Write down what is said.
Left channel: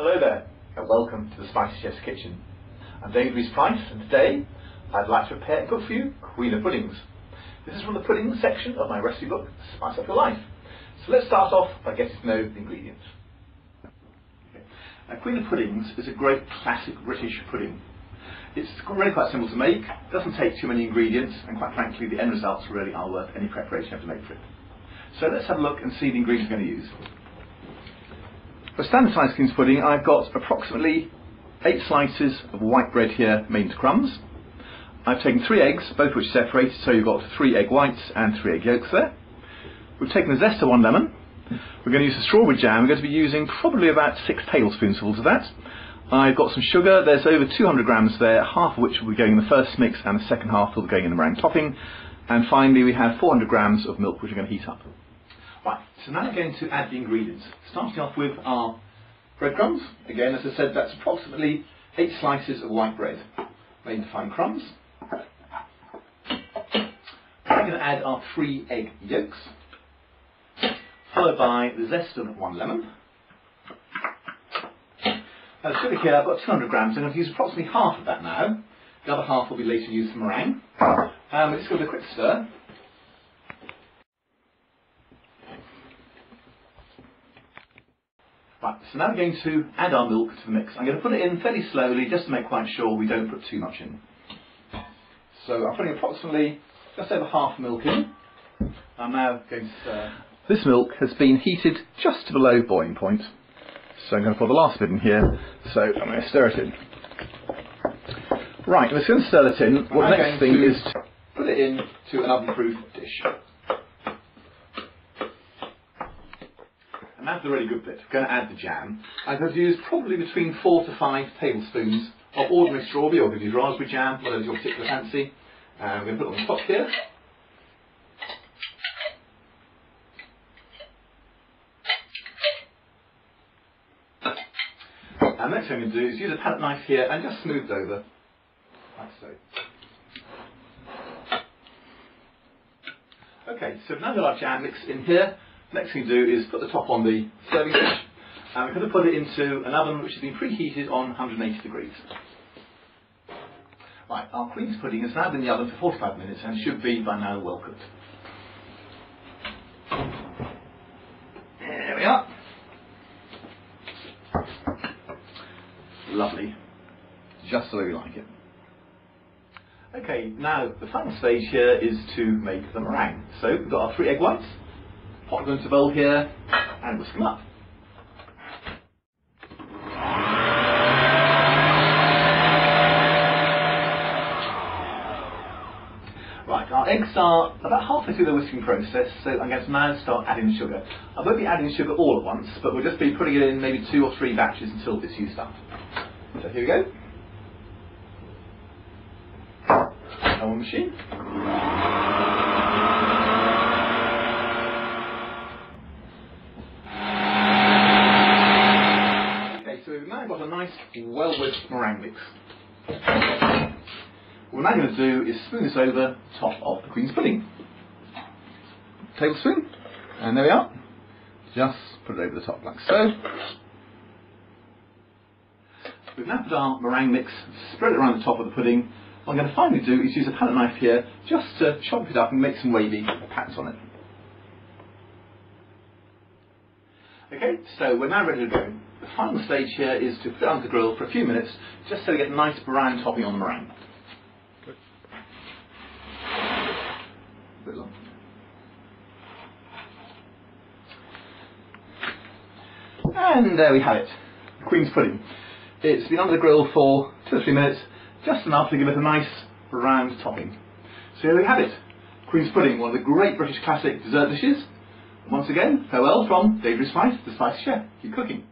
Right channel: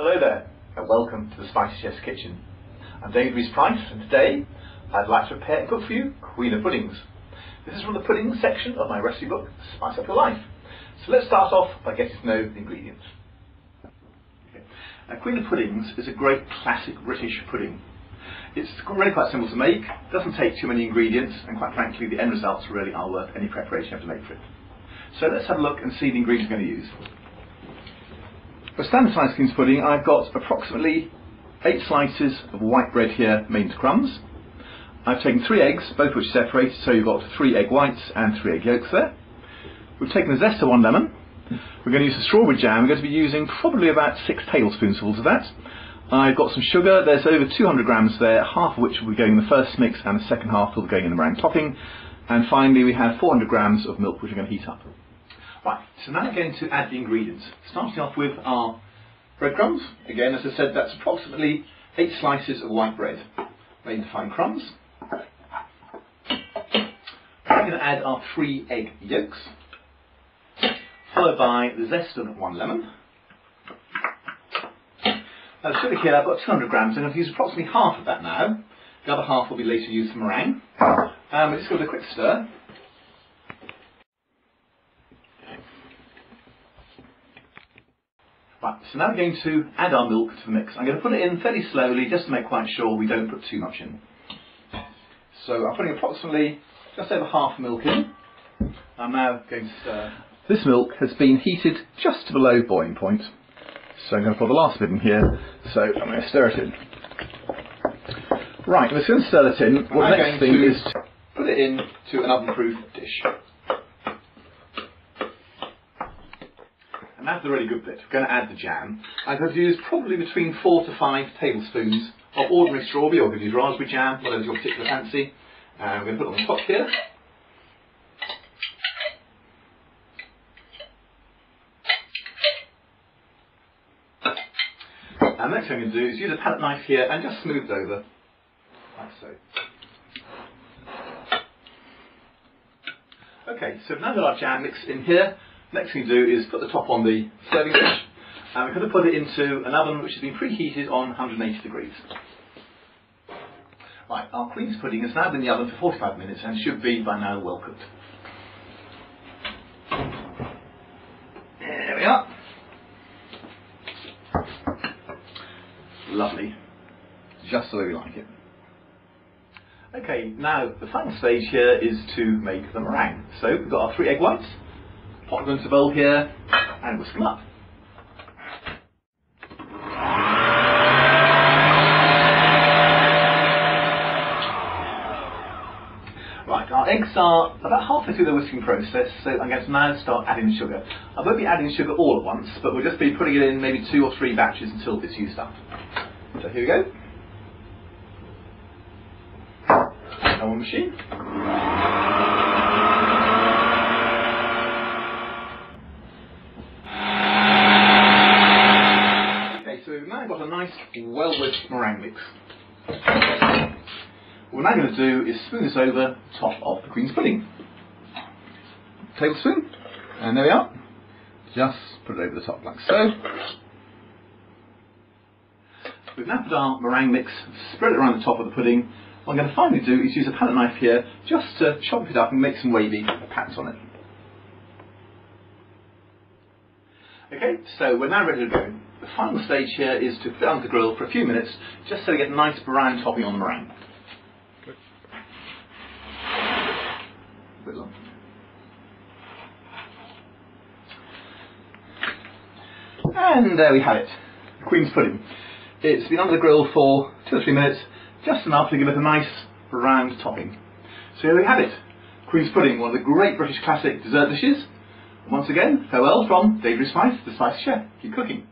Hello there, and welcome to the Spicy Chef's Kitchen. I'm David Rees-Price, and today I'd like to prepare and cook for you Queen of Puddings. This is from the pudding section of my recipe book, Spice Up Your Life. So let's start off by getting to know the ingredients. Okay. Now, Queen of Puddings is a great classic British pudding. It's really quite simple to make, doesn't take too many ingredients, and quite frankly the end results really are worth any preparation you have to make for it. So let's have a look and see the ingredients we're going to use. For standard size Queen's pudding, I've got approximately 8 slices of white bread here made into crumbs. I've taken 3 eggs, both of which are separated, so you've got 3 egg whites and 3 egg yolks there. We've taken the zest of 1 lemon. We're going to use the strawberry jam. We're going to be using probably about 6 tablespoonfuls of that. I've got some sugar. There's over 200 grams there, half of which will be going in the first mix and the second half will be going in the meringue topping. And finally we have 400 grams of milk which we're going to heat up. Right, so now we're going to add the ingredients. Starting off with our breadcrumbs. Again, as I said, that's approximately 8 slices of white bread made into fine crumbs. We're going to add our 3 egg yolks, followed by the zest of 1 lemon. Now the sugar here, I've got 200 grams, and I'm going to use approximately half of that now. The other half will be later used for meringue. We're just going to do a quick stir. Right, so now we're going to add our milk to the mix. I'm going to put it in fairly slowly just to make quite sure we don't put too much in. So I'm putting approximately just over half milk in. I'm now going to stir. This milk has been heated just to below boiling point. So I'm going to put the last bit in here. So I'm going to stir it in. Right, we're going to stir it in. What the next thing is to put it into an oven-proof dish. And that's the really good bit. We're going to add the jam. I'm going to use probably between 4 to 5 tablespoons of ordinary strawberry, or we could use raspberry jam, whatever's your particular fancy. We're going to put it on the top here. And the next thing I'm going to do is use a palette knife here and just smooth it over, like so. Okay, so now that our jam mixed in here, next thing to do is put the top on the serving dish, and we're going to put it into an oven which has been preheated on 180 degrees. Right, our Queen's pudding has now been in the oven for 45 minutes and should be by now well cooked. There we are. Lovely. Just the way we like it. Okay, now the final stage here is to make the meringue. So we've got our 3 egg whites. Pop them into a bowl here and whisk them up. Right, our eggs are about halfway through the whisking process, so I'm going to now start adding the sugar. I won't be adding sugar all at once, but we'll just be putting it in maybe 2 or 3 batches until it's used up. So here we go. Our machine. So we've now got a nice, well-whisked meringue mix. What we're now going to do is spoon this over the top of the Queen's pudding. Tablespoon, and there we are. Just put it over the top like so. We've now put our meringue mix, spread it around the top of the pudding. What I'm going to finally do is use a palette knife here just to chop it up and make some wavy pats on it. Okay, so we're now ready to go. The final stage here is to put it on the grill for a few minutes, just so we get a nice brown topping on the meringue. A bit long. And there we have it, Queen's pudding. It's been on the grill for 2 or 3 minutes, just enough to give it a nice brown topping. So here we have it, Queen's pudding, one of the great British classic dessert dishes. Once again, farewell from David Rees-Price, the Spicy Chef. Keep cooking.